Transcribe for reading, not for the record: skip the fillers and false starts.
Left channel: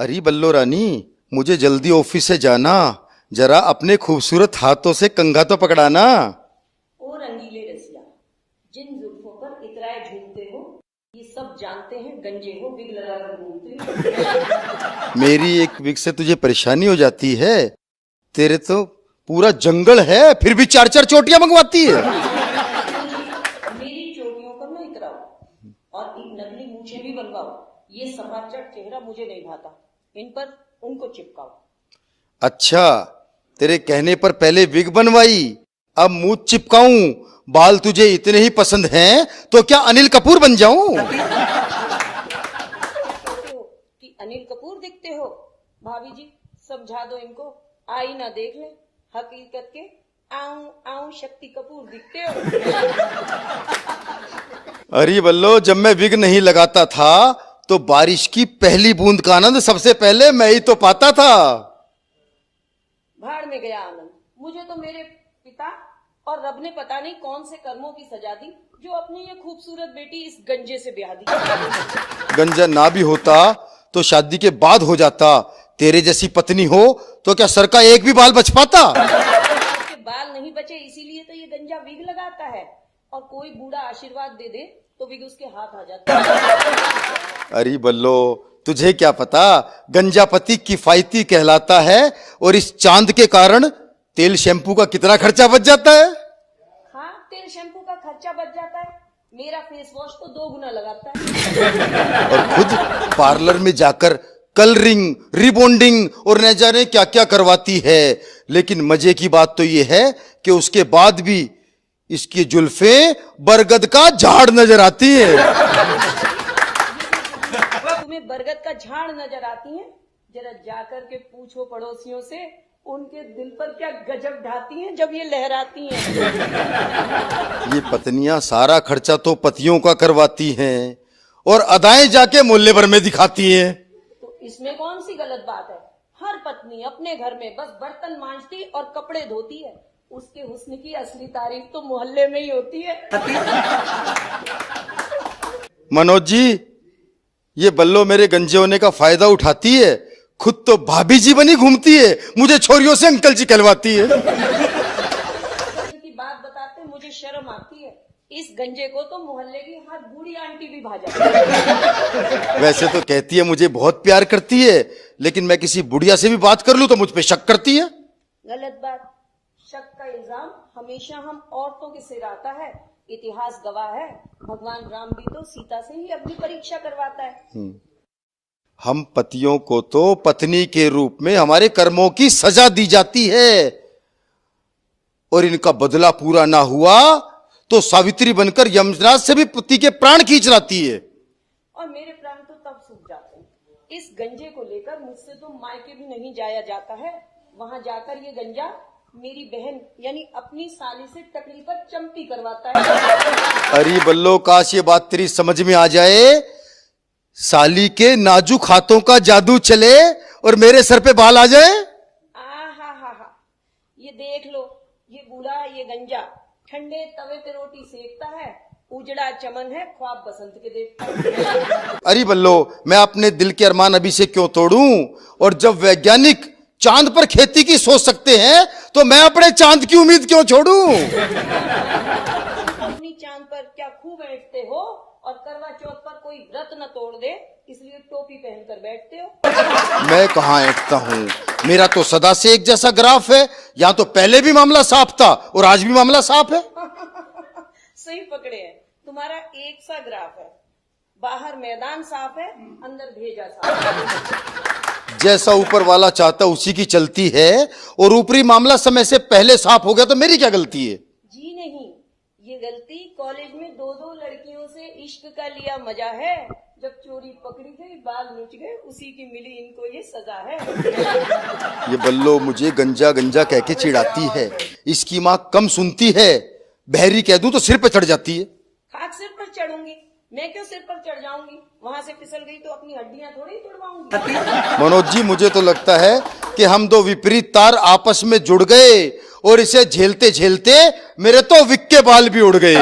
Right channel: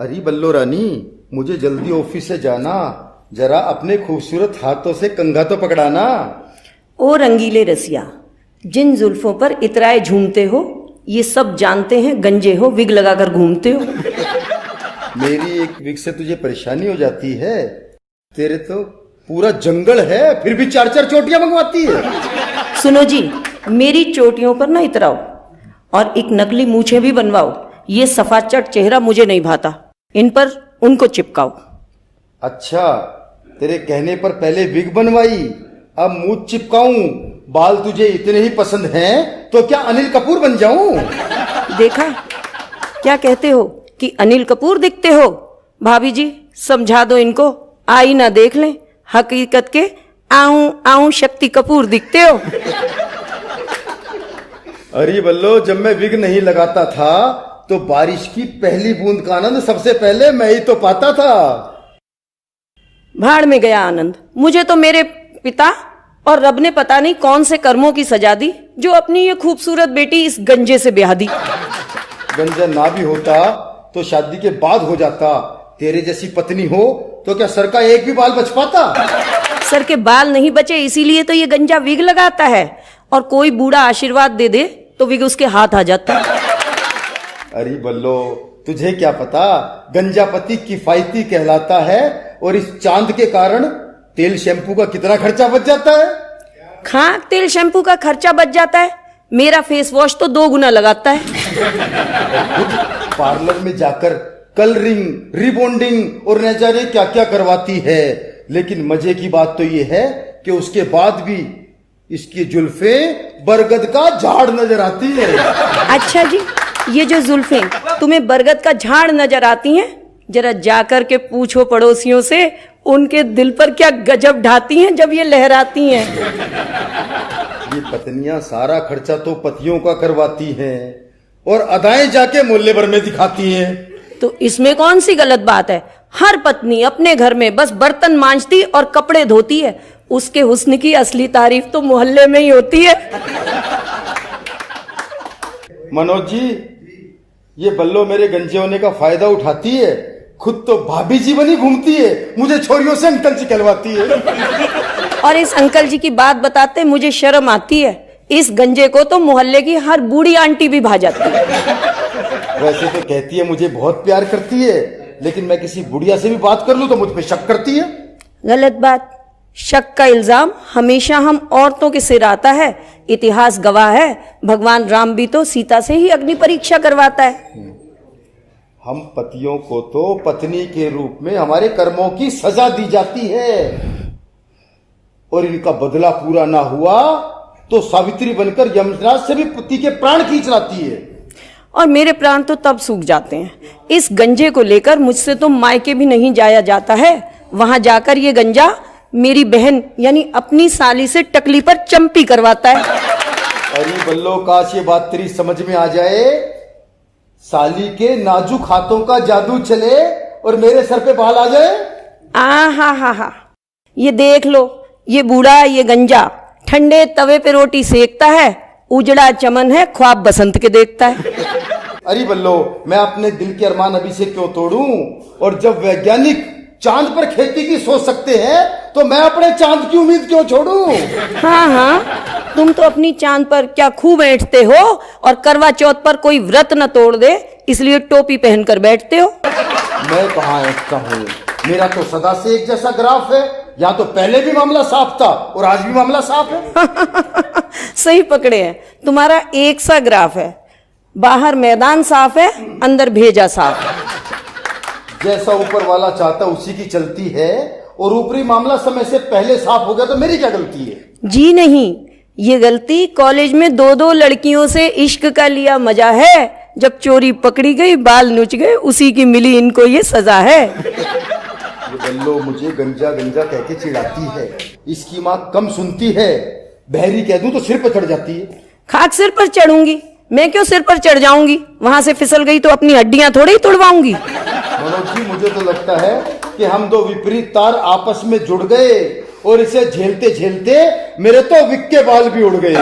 अरे बल्लो रानी, मुझे जल्दी ऑफिस से जाना, जरा अपने खूबसूरत हाथों से कंघा तो पकड़ाना। ओ रंगीले रसिया, जिन जुल्फों पर इतराए झूमते हो, ये सब जानते हैं गंजे हो, विग लगाकर घूमते हो। मेरी एक विग से तुझे परेशानी हो जाती है? तेरे तो पूरा जंगल है, फिर भी 4-4 चोटियां मंगवाती है। सुनो जी, मेरी चोटियों पर ना इतराओ और एक नकली मूछें भी बनवाओ। ये सफाचट चेहरा मुझे नहीं भाता, इन पर उनको चिपकाओ। अच्छा, तेरे कहने पर पहले विग बनवाई, अब मुंह चिपकाऊं। बाल तुझे इतने ही पसंद हैं तो क्या अनिल कपूर बन जाऊं? देखा, क्या कहते हो कि अनिल कपूर दिखते हो? भाभी जी समझा दो इनको, आईना देख लें, हकीकत के आऊं आऊं शक्ति कपूर दिखते हो। अरे बल्लो, जब मैं विग नहीं लगाता था तो बारिश की पहली बूंद का आनंद सबसे पहले मैं ही तो पाता था। भाड़ में गया आनंद, मुझे तो मेरे पिता और रब ने पता नहीं कौन से कर्मों की सजा दी जो अपनी ये खूबसूरत बेटी इस गंजे से ब्याह दी। गंजा ना भी होता तो शादी के बाद हो जाता। तेरे जैसी पत्नी हो तो क्या सर का एक भी बाल बच पाता? सर के बाल नहीं बचे, इसीलिए तो ये गंजा विग लगाता है, और कोई बूढ़ा आशीर्वाद दे दे तो विग उसके हाथ आ जाता। अरे बल्लो, तुझे क्या पता, गंजा पति किफायती कहलाता है और इस चांद के कारण तेल शैम्पू का कितना खर्चा बच जाता है। खाक तेल शैम्पू का खर्चा बच जाता है, मेरा फेस वॉश तो 2 गुना लगाता है। और खुद पार्लर में जाकर कलरिंग, रिबॉन्डिंग और न जाने क्या क्या करवाती है। लेकिन मजे की बात तो ये है कि उसके बाद भी इसकी जुल्फे बरगद का झाड़ नजर आती है। अच्छा जी, ये जो जुल्फें तुम्हें बरगद का झाड़ नजर आती हैं, जरा जाकर के पूछो पड़ोसियों से, उनके दिल पर क्या गजब ढाती हैं जब ये लहराती हैं। ये पत्नियां सारा खर्चा तो पतियों का करवाती हैं और अदाएं जाके मोहल्ले भर में दिखाती हैं। तो इसमें कौन सी गलत बात है? हर पत्नी अपने घर में बस बर्तन मांजती और कपड़े धोती है, उसके हुस्न की असली तारीफ तो मोहल्ले में ही होती है। मनोज जी, ये बल्लो मेरे गंजे होने का फायदा उठाती है, खुद तो भाभी जी बनी घूमती है, मुझे छोरियों से अंकल जी कहलवाती है। और इस अंकल जी की बात बताते मुझे शर्म आती है, इस गंजे को तो मोहल्ले की हर बूढ़ी आंटी भी भा जाती है। वैसे तो कहती है मुझे बहुत प्यार करती है, लेकिन मैं किसी बुढ़िया से भी बात कर लूं तो मुझ पे शक करती है। गलत बात, शक का इल्जाम हमेशा हम औरतों के सिर आता है। इतिहास गवाह है, भगवान राम भी तो सीता से ही अग्नि परीक्षा करवाता है। हम पतियों को तो पत्नी के रूप में हमारे कर्मों की सजा दी जाती है, और इनका बदला पूरा ना हुआ तो सावित्री बनकर यमराज से भी पति के प्राण खींच लाती है। और मेरे प्राण तो तब सूख जाते हैं, इस गंजे को लेकर मुझसे तो मायके भी नहीं जाया जाता है। वहां जाकर ये गंजा मेरी बहन यानी अपनी साली से टकली पर चंपी करवाता है। अरे बल्लो, काश ये बात तेरी समझ में आ जाए, साली के नाजुक हाथों का जादू चले और मेरे सर पे बाल आ जाए। हा, ये देख लो, ये बूढ़ा, ये गंजा ठंडे तवे पे रोटी सेकता है, उजड़ा चमन है, ख्वाब बसंत के देखता है। अरे बल्लो, मैं अपने दिल के अरमान अभी से क्यों तोड़ूं? और जब वैज्ञानिक चांद पर खेती की सोच सकते हैं तो मैं अपने चांद की उम्मीद क्यों छोड़ूं? हाँ, तुम तो अपनी चांद पर क्या खूब ऐंठते हो, और करवा चौथ पर कोई व्रत न तोड़ दे इसलिए टोपी पहनकर बैठते हो। मैं कहाँ ऐंठता हूँ, मेरा तो सदा से एक जैसा ग्राफ है। या तो पहले भी मामला साफ था और आज भी मामला साफ है। सही पकड़े हैं, तुम्हारा एक सा ग्राफ है, बाहर मैदान साफ है, अंदर भेजा साफ है। जैसा ऊपर वाला चाहता उसी की चलती है, और ऊपरी मामला समय से पहले साफ हो गया तो मेरी क्या गलती है? जी नहीं, ये गलती कॉलेज में 2-2 लड़कियों से इश्क का लिया मजा है। जब चोरी पकड़ी गई, बाल नुच गए, उसी की मिली इनको ये सजा है। ये बल्लो मुझे गंजा गंजा कह के चिढ़ाती है, इसकी माँ कम सुनती है, बहरी कह दूं तो सिर पे चढ़ जाती है। खाक सिर पर चढ़ूंगी, मैं क्यों सिर पर चढ़ जाऊंगी? वहां से फिसल गई तो अपनी हड्डियां थोड़ी ही तुड़वाऊंगी। मनोज जी, मुझे तो लगता है कि हम दो विपरीत तार आपस में जुड़ गए और इसे झेलते झेलते मेरे तो विक के बाल भी उड़ गए।